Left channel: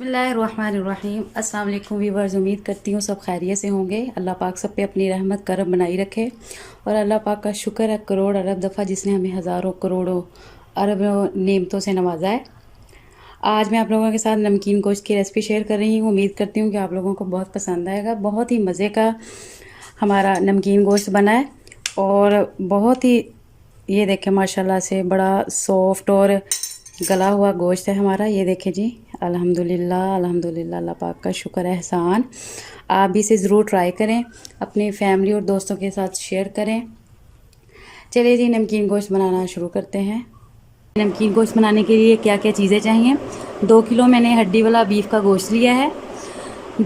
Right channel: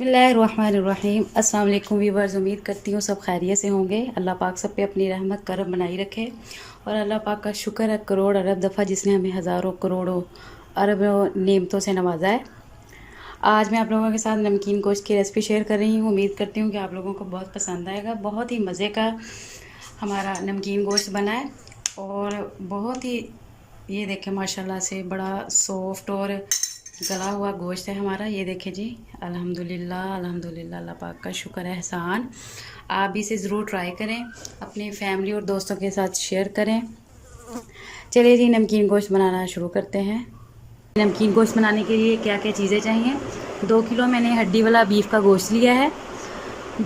बिस्मिल्लाहिर्रहमानिर्रहीम। अस्सलाम वालेकुम वीवर्स, उम्मीद करती हूँ सब खैरियत से होंगे। अल्लाह पाक सब पे अपनी रहमत करम बनाई रखे और अल्लाह पाक का शुक्र है करोड़ अरब दफ़ा जिसने हमें हज़ारों करोड़ों अरबों नेमतों से नवाजा है। आज मैं आप लोगों के साथ नमकीन गोश्त की रेसिपी शेयर कर रही हूँ। उम्मीद करती हूँ कि आप लोगों को बहुत पसंद आएगा। बहुत ही मज़े का हमारा नमकीन गोश्त बना है और बहुत ही ये देखें माशाल्लाह से बड़ा सॉफ्ट और गला हुआ गोश्त है हमारा। ये देखें जी, अल्हम्दुलिल्लाह अल्हम्दुलिल्लाह, अल्लाह पाक का शुक्र है, एहसान। आप भी इसे ज़रूर ट्राई करें, अपनी फैमिली और दोस्तों के साथ शेयर करें। चलिए जी, नमकीन गोश्त बनाना शुरू करते हैं। नमकीन गोश्त बनाने के लिए क्या क्या चीज़ें चाहिए। 2 किलो मैंने हड्डी वाला बीफ का गोश्त लिया है।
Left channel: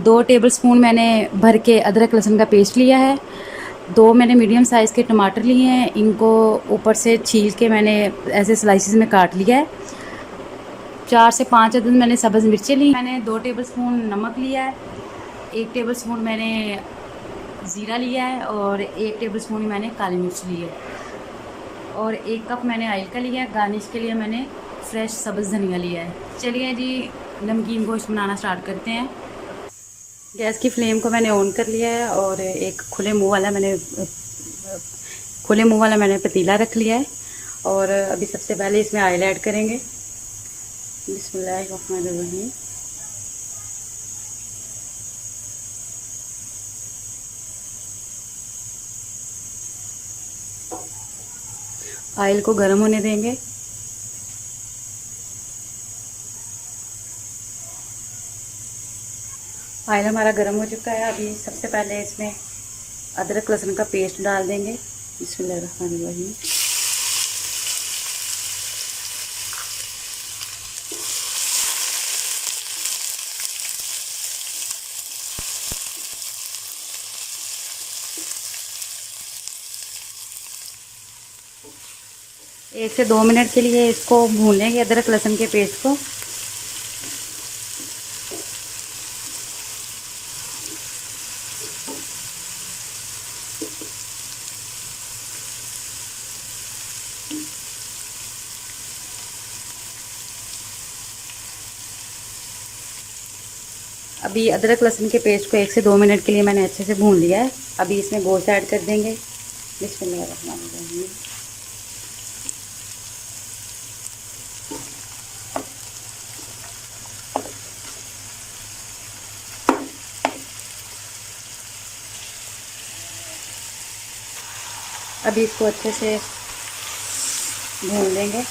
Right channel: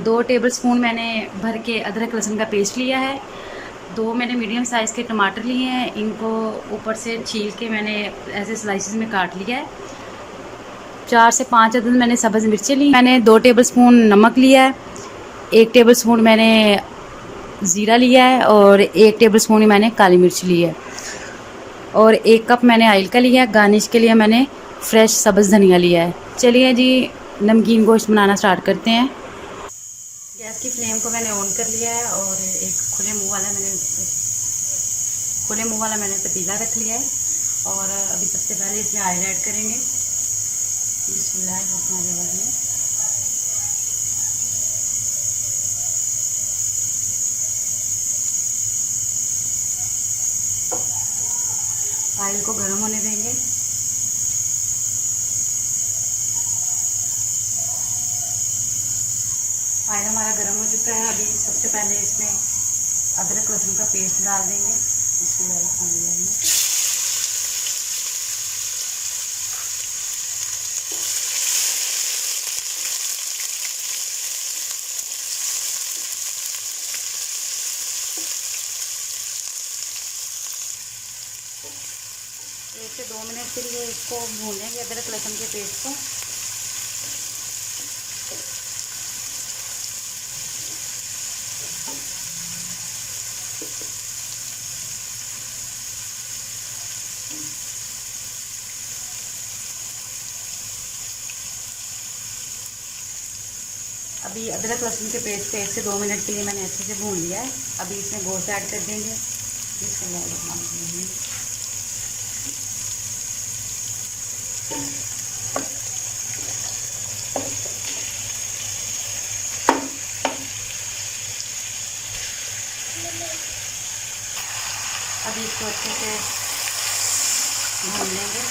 2 टेबलस्पून मैंने भर के अदरक लहसुन का पेस्ट लिया है। 2 मैंने मीडियम साइज़ के टमाटर लिए हैं, इनको ऊपर से छील के मैंने ऐसे स्लाइसिस में काट लिया है। 4 से 5 अदद मैंने सब्ज़ मिर्चें ली। मैंने 2 टेबलस्पून नमक लिया है, 1 टेबलस्पून मैंने ज़ीरा लिया है और 1 टेबलस्पून ही मैंने काली मिर्च ली है और 1 कप मैंने ऑयल का लिया है। गार्निश के लिए मैंने फ्रेश सब्ज़ धनिया लिया है। चलिए जी, नमकीन गोश्त बनाना स्टार्ट करते हैं। गैस की फ्लेम को मैंने ऑन कर लिया है और एक खुले मुंह वाला मैंने पतीला रख लिया है और अभी सबसे पहले इसमें ऑयल ऐड करेंगे। बिस्मिल्लाहिर्रहमानिर्रहीम। ऑयल को गर्म होने देंगे। ऑयल हमारा गर्म हो चुका है। अभी सबसे पहले इसमें अदरक लहसुन का पेस्ट डाल देंगे। बिस्मिल्लाहिर्रहमानिर्रहीम। एक से 2 मिनट के लिए इसको भून लेंगे, अदरक लहसुन के पेस्ट को। अभी अदरक लहसुन के पेस्ट को 1 से 2 मिनट के लिए मैंने अच्छे से भून लिया है। अभी इसमें गोश्त ऐड कर देंगे। बिस्मिल्लाहिर्रहमानिर्रहीम। अभी इसको अच्छे से भून लेंगे।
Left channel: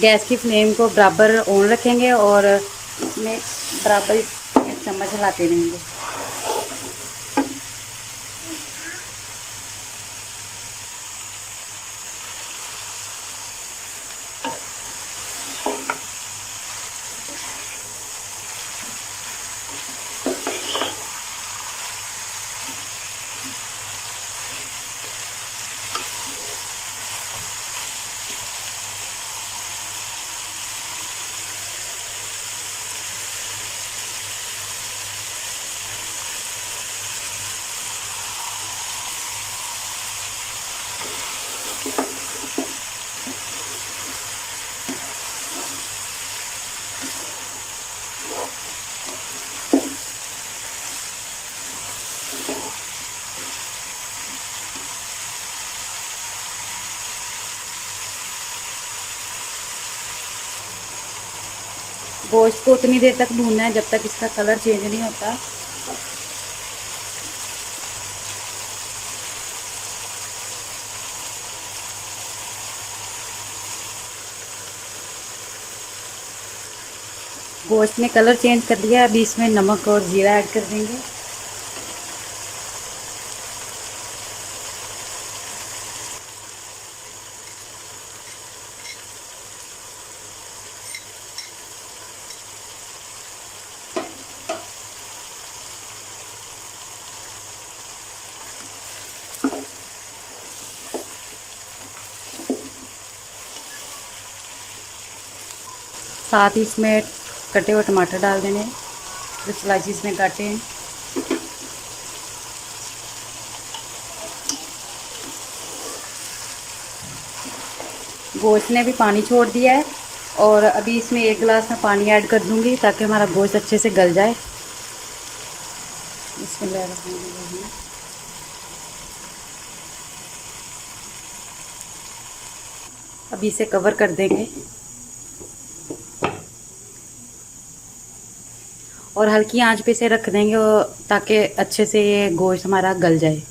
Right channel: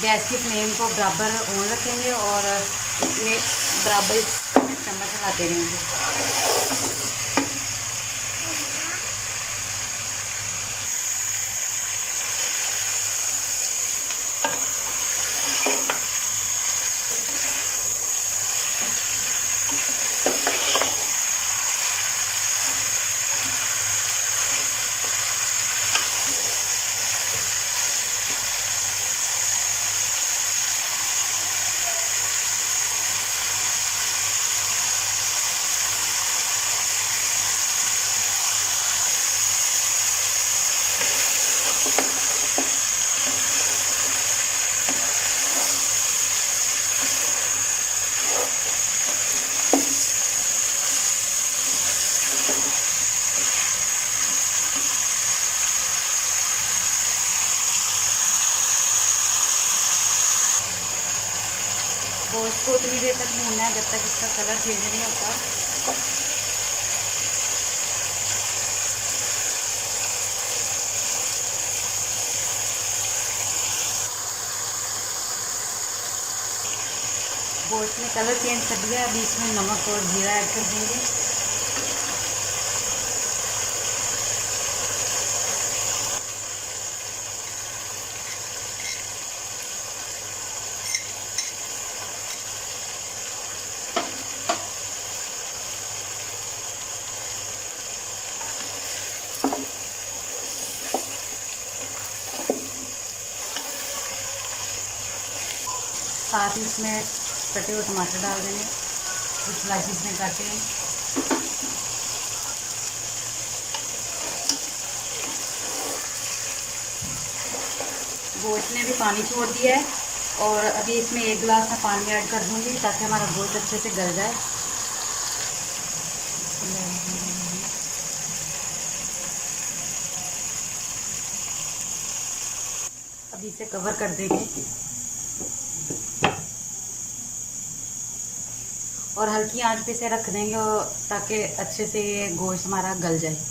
गैस की फ्लेम को बराबर ऑन रखेंगे और इसमें बराबर चम्मच हिलाते रहेंगे। गोश्त को उतनी देर तक भूनना है जब तक इसका कलर चेंज नहीं होता। गोश्त ने कलर चेंज कर दिया। अभी इसमें नमक और जीरा ऐड कर देंगे। साथ ही इसमें कटे हुए टमाटर डाल देने, जो स्लाइसिस में काटे हैं। गोश्त ने भी पानी छोड़ दिया है और अभी इसमें 1 गिलास में पानी ऐड कर दूंगी ताकि हमारा गोश्त अच्छे से गल जाए। अभी इसे कवर कर देंगे और हल्की आंच पे इसे रख देंगे ताकि अच्छे से ये गोश्त हमारा गल जाए।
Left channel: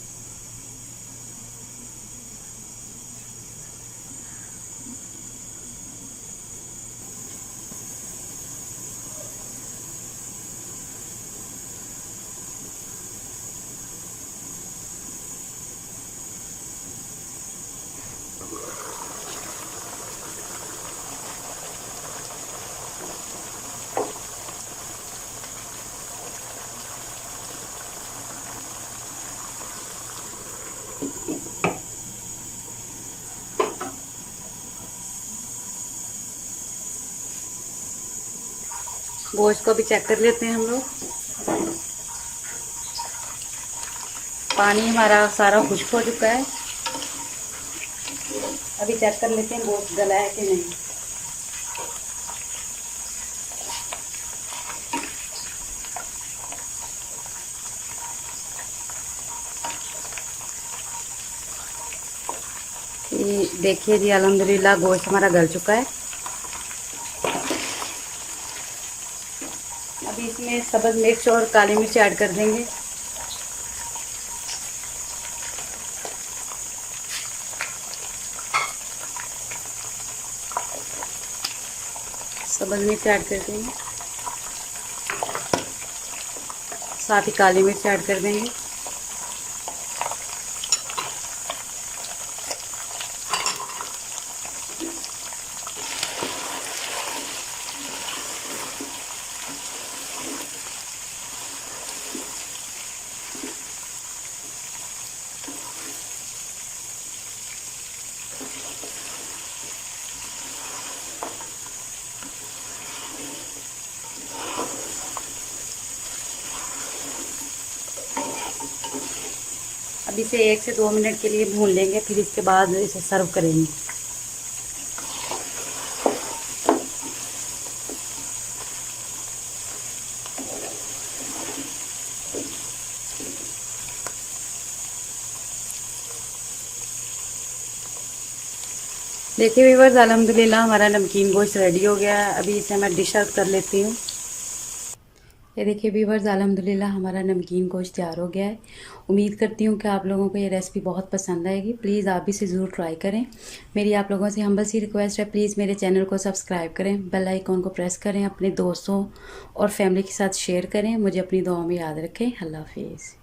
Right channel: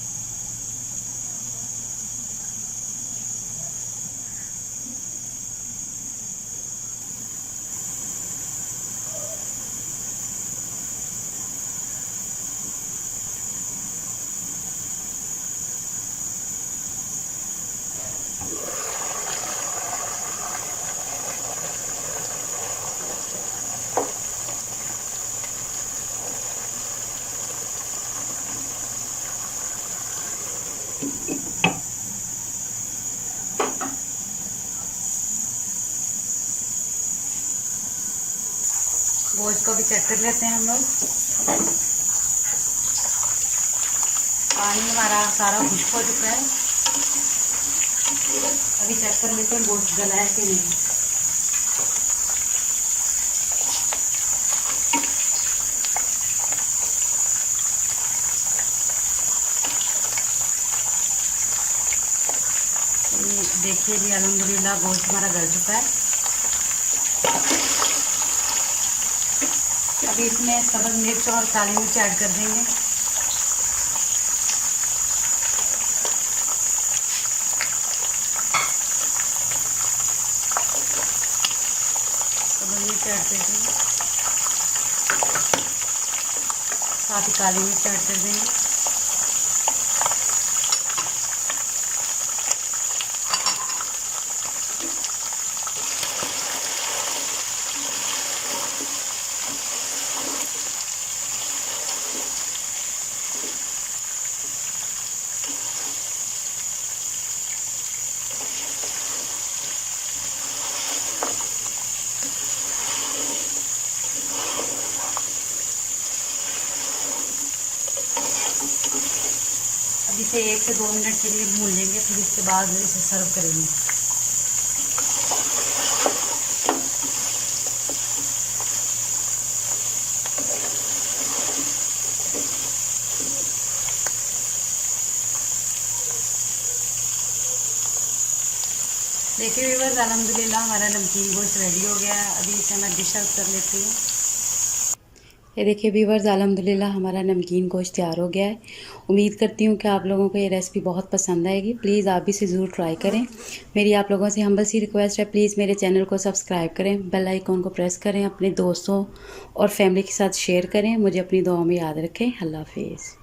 गोश्त को भी चेक कर लेते हैं हम लोग। पानी हमारा सारा खुश्क हो चुका है। अभी चेक कर लेते हैं गोश्त गला है कि नहीं। देखिए जी, अल्हम्दुलिल्लाह गोश्त हमारा गल चुका है। अभी इसमें सब्ज़ मिर्च और काली मिर्च ऐड कर देंगे। सब्ज़ मिर्च ऐड कर देंगे, साथ ही काली मिर्च ऐड कर देंगे। अब इसे 1 से 2 मिनट के लिए भून लेंगे, फिर इसके बाद इसे सर्व करेंगे। देखिए व्यूअर्स, अल्हम्दुलिल्लाह हमारा नमकीन गोश्त रेडी हो गया है। अभी इसे मैं डिश आउट कर लेती हूँ। ये देखिए व्यूअर्स, अल्हम्दुलिल्लाह हमारा नमकीन गोश्त तैयार हो गया है। उम्मीद करती हूँ कि आप लोगों को ये रेसिपी बहुत पसंद आएगी। प्लीज़ आप भी इसे ज़रूर ट्राई करें। मेरी आप लोगों से हम्बल सी रिक्वेस्ट है, प्लीज़ मेरे चैनल को सब्सक्राइब करें, बेल आइकॉन को प्रेस करें, अपने दोस्तों और फैमिली के साथ शेयर करें। मुझे अपनी दुआओं में याद रखें। अल्लाह हाफिज़।